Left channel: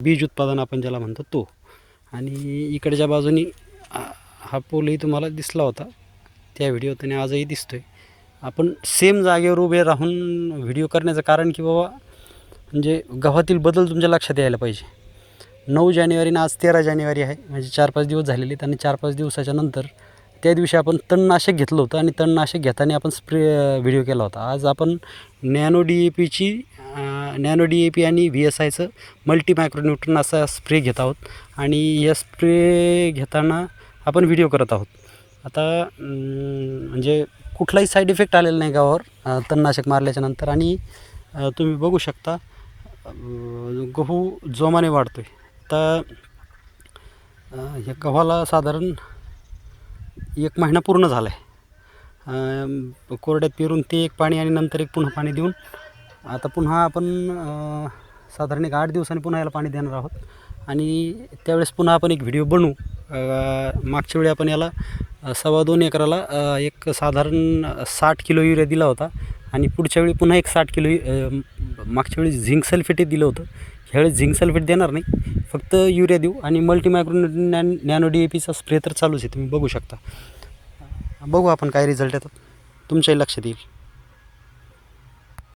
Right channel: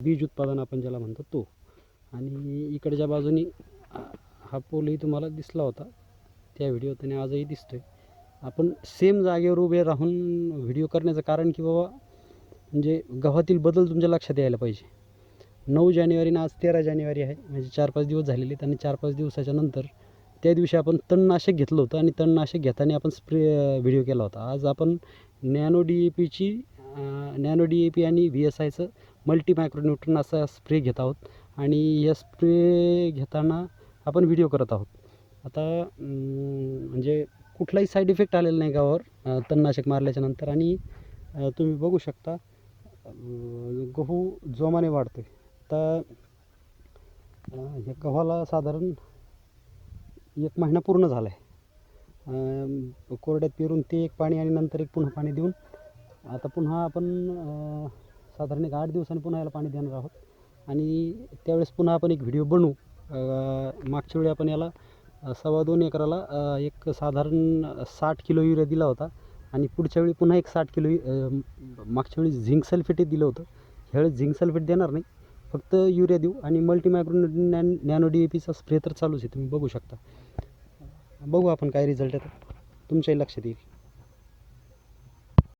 बीज उत्पादन आपण ज्याला म्हणतो तो. आणि इकडच्या बाजूनी हा पोलही तुम्हाला दिसला होता त्या व्हिडिओत आणि आजही दिसतोय. आपण सेम जागेवर उभे राहून व्हिडिओ करण्याचं कारण की बाबा म्हणजे गव्हातील बदल तुमच्या लक्षात यायला पाहिजे. 9 जानेवारी आणि आज 13 जानेवारी आहे, म्हणजे 4-5 दिवस झालेले आहेत. आणि 4-5 दिवसाच्या नंतर त्या दिवशी आपण तणनाशक घेतलं होतं आणि तणनाशक घेताना आपण व्हिडिओ केला होता. आज आपण नॅनो DAP आणि VSIचं मल्टी मायक्रोन्यूट्रन असा स्प्रे घेत आहोत. आणि या स्प्रे घेताना आपण व्हिडिओ करत आहोत. आता म्हणजे कुठलाही साईड इफेक्ट आलेला नाही गावावर तणनाशक मारल्याच्या नंतर. आणि तुम्ही बघू शकता गहू जोमाने वाढतो आहे. आता ह्या गव्हाला साधारण 1 महिना पूर्ण झाला आहे. कोरड्यात पेरून ते एक पाणी आणि नंतर एक पुन्हा पाणी देऊन आता पुन्हा आपण साधारण 8 दिवसांनी पुन्हा याला पाणी देणार आहोत. आणि त्यावेळेस पुन्हा आपण एक व्हिडिओ बनवू. मागच्या वेळी आपण याला 2.25 एकराला एक साधारण 60 किलो युरिया दिला होता. आणि पुढच्या वेळी पुन्हा एक 60 किलो मागच्या वेळी झिंक सल्फेटही दिलं होतं. ह्यावेळेस झिंक सल्फेट देणार नाही, फक्त युरिया देऊ. आणि मल्टी मायक्रोन्यूट्रन नॅनो DAPचा स्प्रे तर चालूच आहे, तुम्ही बघू शकता. बघू आपण काय रिझल्ट येतात, तुमच्याही लक्षात येईल.